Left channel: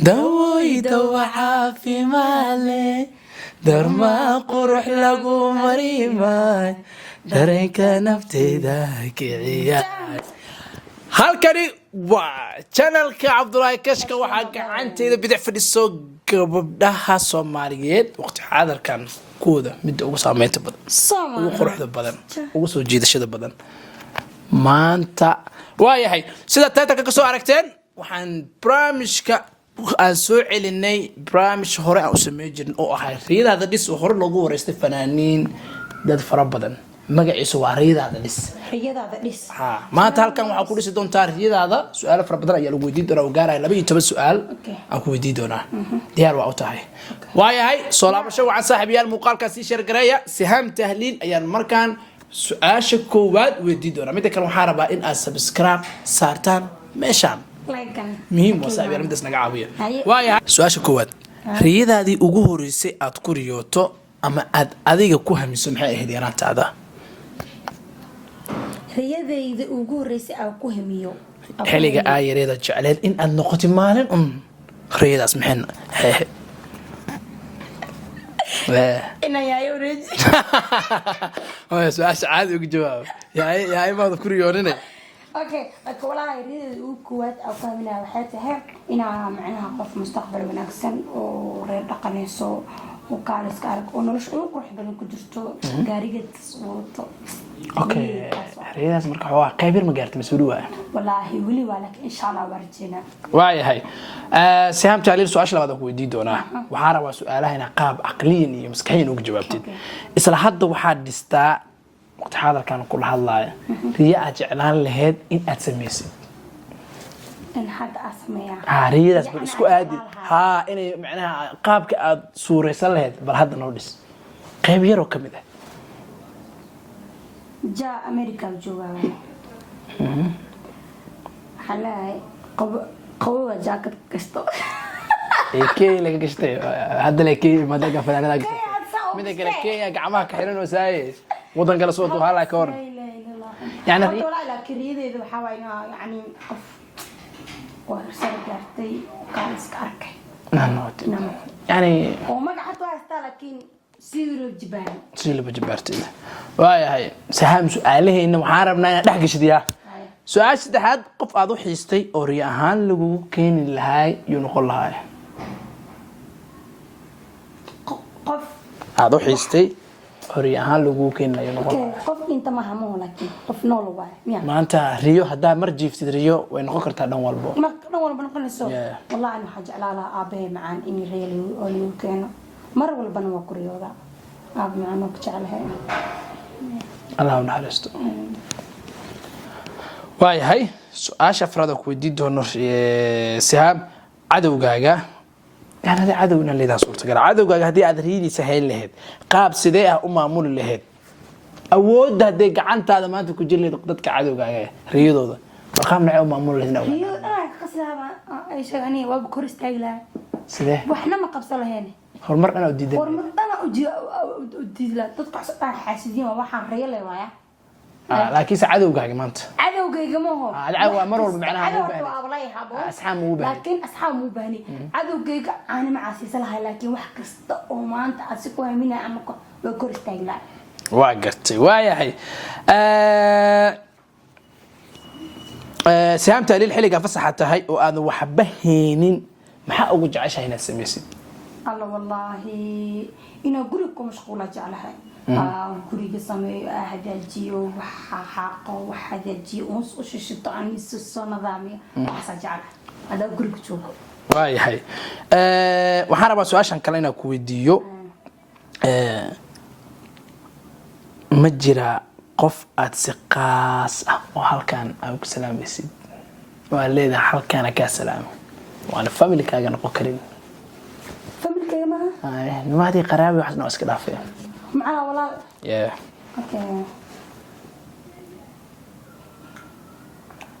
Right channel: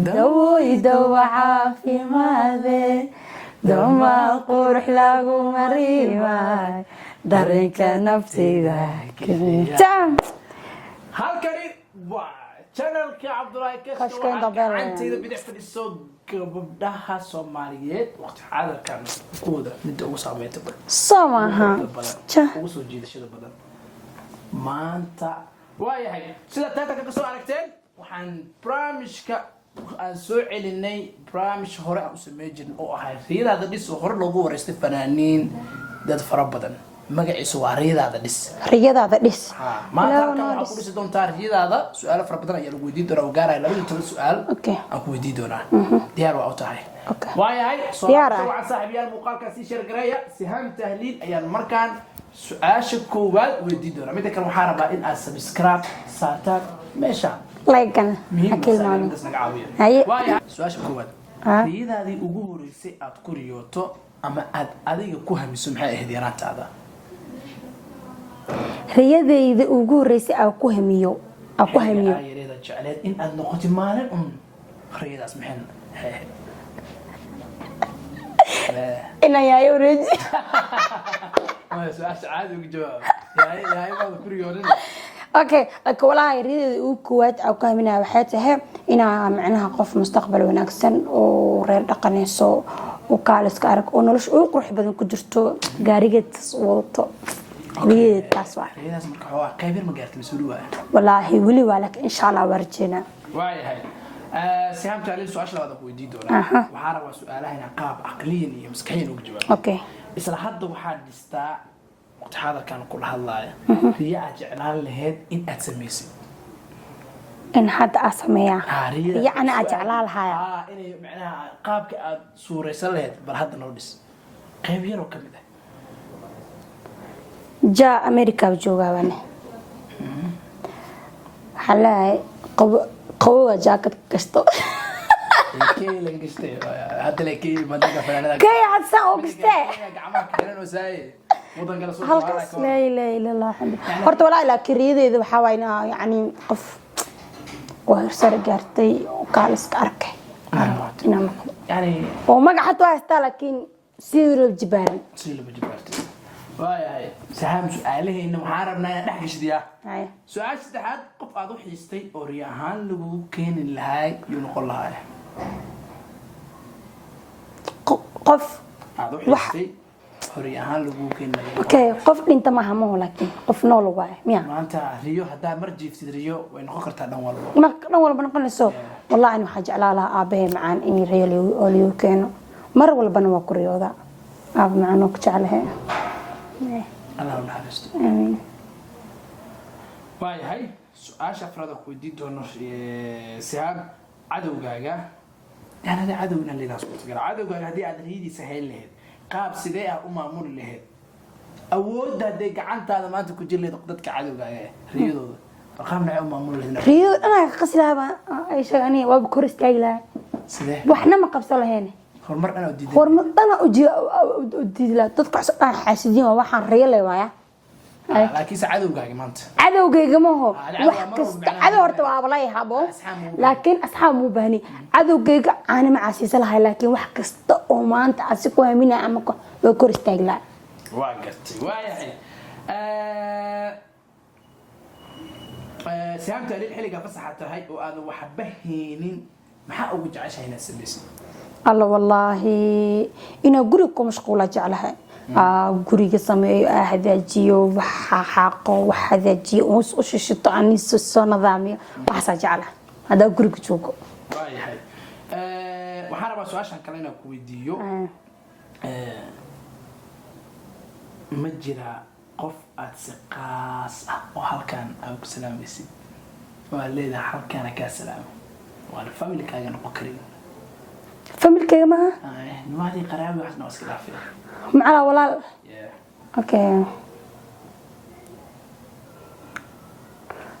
داوي دوا عافي مالي درما قرح لقو مريماي دريك نفتي ذاك halkani waa channelka Cabdullaahi Kashka waxa gacanteeda bidix fadhiso gabdhaha Soomaaliyeed waqti xaadirkan kooda mid ugu saameynta badan Soomaaliyeed ugu soo jiidashada badan maanta waayahay sida taanka ka soo aragteen waxaan barnaamijka aan soo celinay barnaamij hore aan u sameeyay jirin oo ahay riidada dhis oo hore loogu wareystay fanaaniin dad fara badan magaciisu waa riidada dhis maanta halkan waxa ku dhisi doontaa riidada su'aalo fara badan ayaa lagu weydiin doonaa oo gaaraya 12 su'aal aan ku weydiin doonaa diyaar waa u tahay waayahay soo laabasho waxa saaxiibayaal muuqaalkaas si share gareeya Siham Tahliil ayaan markaan su'aasha koowaad weydiin doonaa mid kale waxaan rabaa in aad subscribe saartaan meeshaan لايكن مهم مسائل بدس نقعوية وايا سؤال كواد ريادي ugu horeysay aad ku riyooto ama aad adiga ku hamiso maxay ahayd yaraanta ada riyadayda ugu horeysay aad ku hamiyo xiliga aayreeda jecleed in aad noqoto maalin riyadaas maxay ina yaayo reeji waa su'aal caadi ugu jawaab yaay ma ku riyooninay اوكي والله يريد وكوات او كامينا waxay ina macnaha qof mustaqbal wanaagsan oo reer dhaqanayso oo kaaliska arag oo nolosha uu qurux badan ku jirto gaarigeed wadato riidaas marka waa qaybir ma gaartay mas'uul waa wallahi wali walaak insha Allah warjeena waayahay Siham Tahliil su'aasha labaad ku weydiin doonaa waxa rabaa su'aalaha ina qaab aqliyan iyo maskaxiyan uga jawaabtid isla hadda waxa dhistaa وقت هذا كان كل هالله رياء جعلان لهاد إن أتسميسي إن حد أسميها رياء يعني أجعلها إني معناها قابك سوري سلهاد برهاد نودس قيب يرو كم إذا جاء أمريكا وجوها وانا حلا قوة جاكت كستو كي لك كشتي هذا لك كي ما دقة فلان كي هتساوي كشتي كي جعمك حلو وسايس ودن قال صوته هلا كور لا اله الا الله يعني horta walaa ila kiriideeda waxa wayna yani qof sar gaartay kaaliska arkay yani oo magaca xataa haysta laakiin siirul jibaartay waayahay Siham su'aalaheena waxaan rabnaa inaan dhex gashadiyaa su'aal saddexaad qof aad u xiistay oo riyo ahaan lagu keeni lahaay iyo noqon lahaay qof aad u xiistay hori ahaan lagu keenayo okay qof dhinta ma hamo laakiin qof nool waay miya maanta riyo hadaa mar jiiftid riyo way noqon kartaa dhan walba noqonayso wallahi waxa jeclaa lahaa aabahay macaan in riyo oo liyo keeno mar walbana waa ku riyooda aab macaan oo jeclahay Allah naxariisto waayahay su'aasha afraad ku weydiin doono Siham cadawgaaga يعني عدونا اللي ذا صورته قال عدو قال هدي أدريدي سهل لهاد قاب سديها معمول لهاد أود هدي قعنت هذا ما أنت كجلي ضدك عدو قال رياضه ذا فقام معه معمول لهنا رياض أنا قصلها أي شيء يعني وبكر استعجله سديه وإحنا ما قبصله هنا هالمرة أنا أودي لا تدفع حاسدين وواحد ريال وياه لكن عدو قاعد ما أنت عدو قاعد ما هو عدو ارتوا والله يحبوا لكن أصحاب مو بهني عدو قاعد أنا مع سيسلها لكن واحد كستو ما أنت عسكوا منها عمك بكر استعجل واقرتي وايا هي Siham Tahliil xiliga fasaxa tahay oo aad waxbaheenin maxaa ugu jeceshahay inaad sameeysid الله والله إنا قريكم مشغولة جعلها قريك سمي هذاجيو وحاقو وحذاجيو وش الشيطان يسوس نظامي وحسا جعلها هذا قريك تشوفه واي هاي وحنا بس عشان كلنا كويديو مجرى قف أتسقاس وهالكان أبوك سلام بسيد والليلة هالكان كسلام وأنا فاميلي كأجن قكرين فاميلي كما ما هذه قرابة وحنا أسكت فيها معنا ولا اوكي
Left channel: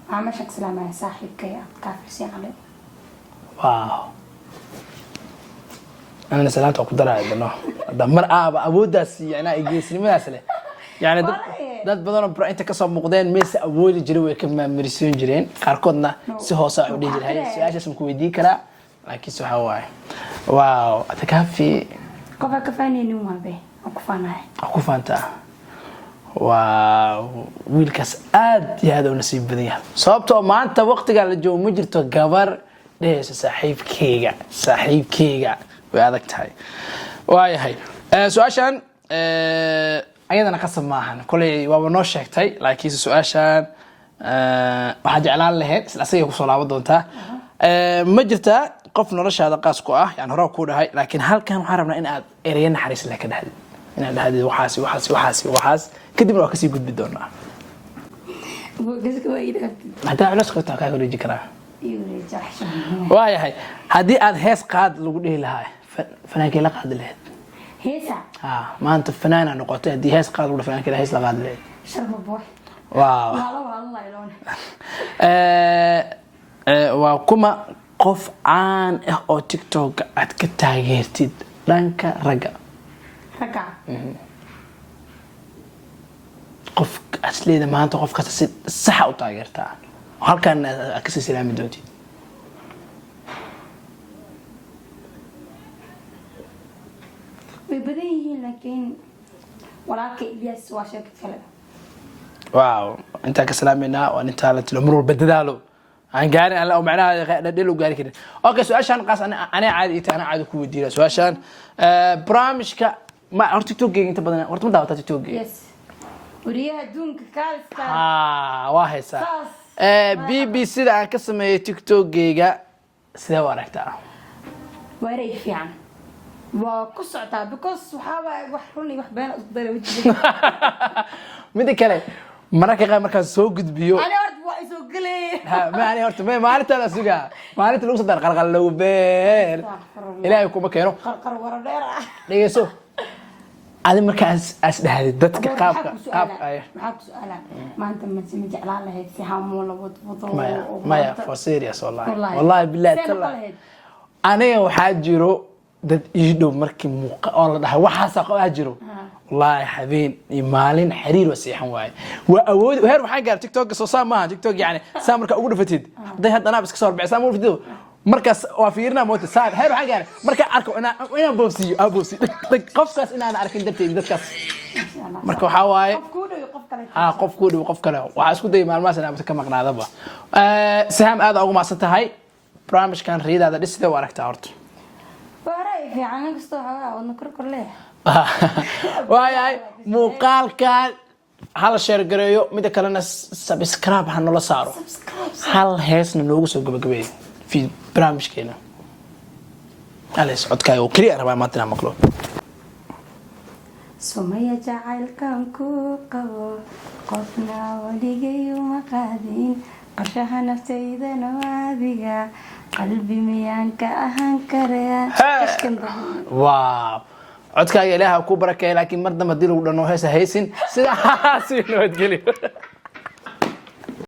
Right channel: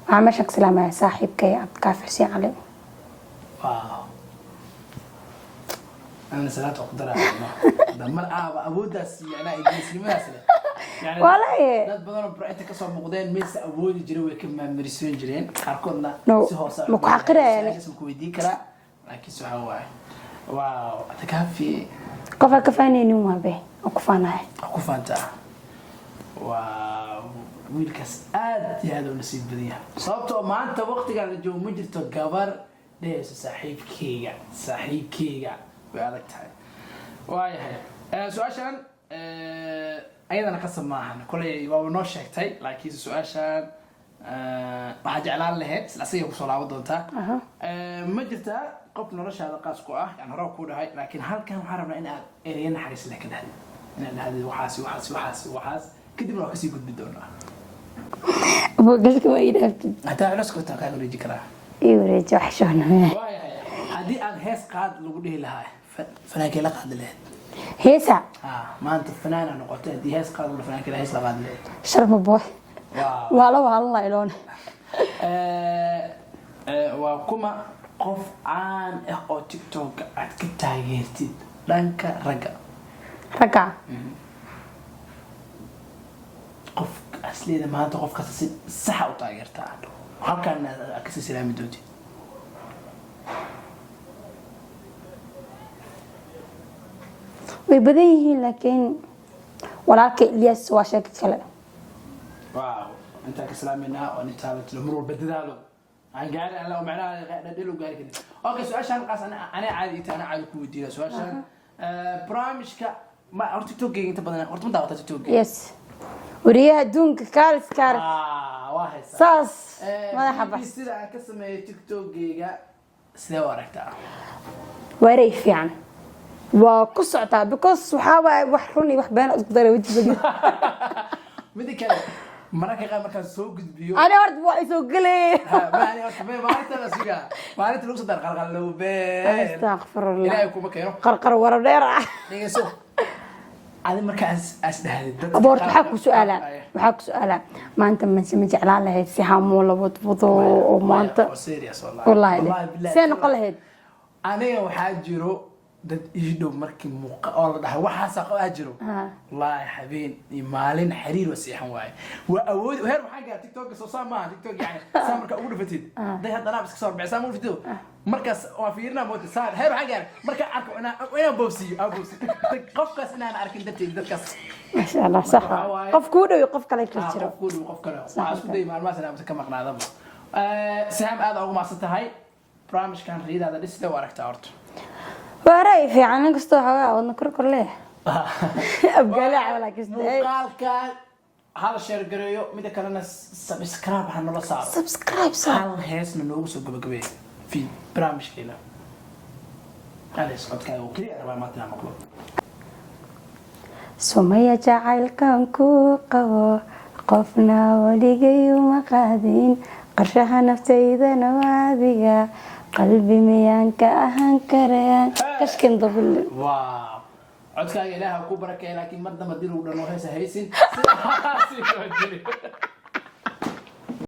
عمشك سلامة يا صاحب كي أتكافسي عليه واو أنا سلامت وقدر على دمر أبوداس يعني يجلسني ما أسله يعني dad badan oo inta ka soo muuqdeen mees awoodi jiray way ka maamulisiin jireen qaarkoodna si hoos ah u dhigay siyaasad ku weydiin kara laakiin waxa waaye waaw atakaafi qofka ka faanaynin ma be ku faanahay ku faantaa waa wiilkaas aad iyo aad u nasiib badan yahay sababtoo maanta waqtiga la joogo ma jirto gabar dhees saaxiibkeyga way adag tahay waayahay su'aashan ayadana qasab maahan kulay waaba noo sheegtay laakiin su'aashan waxaa jeclaan lahayd isla asaga ku soo laaban doontaa ma jirtaa qof noloshaada qaas ku ah yani hore ku dhahay laakiin halkan waxaan rabnaa in aad ereyo naxariis leh ka dhahdid inaad dhahdid waxaas kadibna waa kasii gudbi doonaa bogaska ma idhaabtid hadaa culos qabtaa kaa wareeji karaa wareeji waxshaan waayahay haddii aad hees qaad lagu dhihi lahaa fanaankii la qaadi lahayd heesa maanta fanaana noqotay haddii hees qaad lagu fanaankii hees la qaadi lahayd sharma boy waaw waa iloon waa kuma qof caan ah oo tiktok aad ka taageertid dhanka ragga qof asleeda maanta qof kasta si sax u taageertaa halkan aad ka silsilaami doontid way badan yihiin laakiin walaalka Ilyas waa sheekad kale waaw inta ka salaamayna waa inta la tilo mar walba dadaalo aan gaarin alla oo macnaha dhadhelo gaari karin okay su'aashan qaas ana caadi ku weydiina su'aashan barnaamijka ma horta TikTok inta badan horta ma daawata TikTok yes wariyaha adduunka kaalis waa haysa saas BBC da aan ka sameeyay TikTok-gayga sidee u aragtaa wareey fiican waa ku socotaa because waxa wax run iyo wax been isku daray wajiga mid kale mararka qaar markaan soo gudbiyo ani horta waa soo galay maani horta maalinta la sugaa maalinta lagu soo dar qalqal low been ilaahay kuma keeno qarqar wara dheer dhageyso adi markaas as dhahdid dadka qaar waxa ku su'aala maanta ma jeclaan lahayd si haamo la wadwado oo maanta for serious wallahi billahi seen qalahayd aniga waxaa jiro dad ii dhow markii muuqa oo la dhahay waxaas aqoon jiro wallahi habeen iyo maalin xiriir wasiixan waaye waa awood heer waxaan gaar TikTok soo saama TikTok yani saamarka ugu dhafatid day hadana iska soo bixisaan mu fidiyo markaas waa fiirna moota saar heer waxaan gaar marka arko inaan boobsi qofkaas inaan arkin dadkaas insha Allah marka waxa waaye qof ku dhow qof kale qof kale waxa isku day maalmahaas inaan ka maqnaadaba saham aad ugu maasan tahay barnaamijkan riidaada dhisida u aragtaa horta wareey fiican inkastoo xawaa wadna kor leh muuqaalkan hal share gareeyo mid kalena subscribe ha nala saaro hal heesna noogu soo gabagabeeyo fi barnaamijkeena alas codkaaga oo kaliya rabaa maanta maqlo Sumaya jacaylkan ku qabo qofna waligay uma qaadin qarshaha naftaydana waadiga qalbi miyaan ka ahaan karaya kashkan dabul waaw codkaaga ilaaha ku barakeeyo laakiin mar dambe dil ugu dhano heesa haysin sida si noo geliyo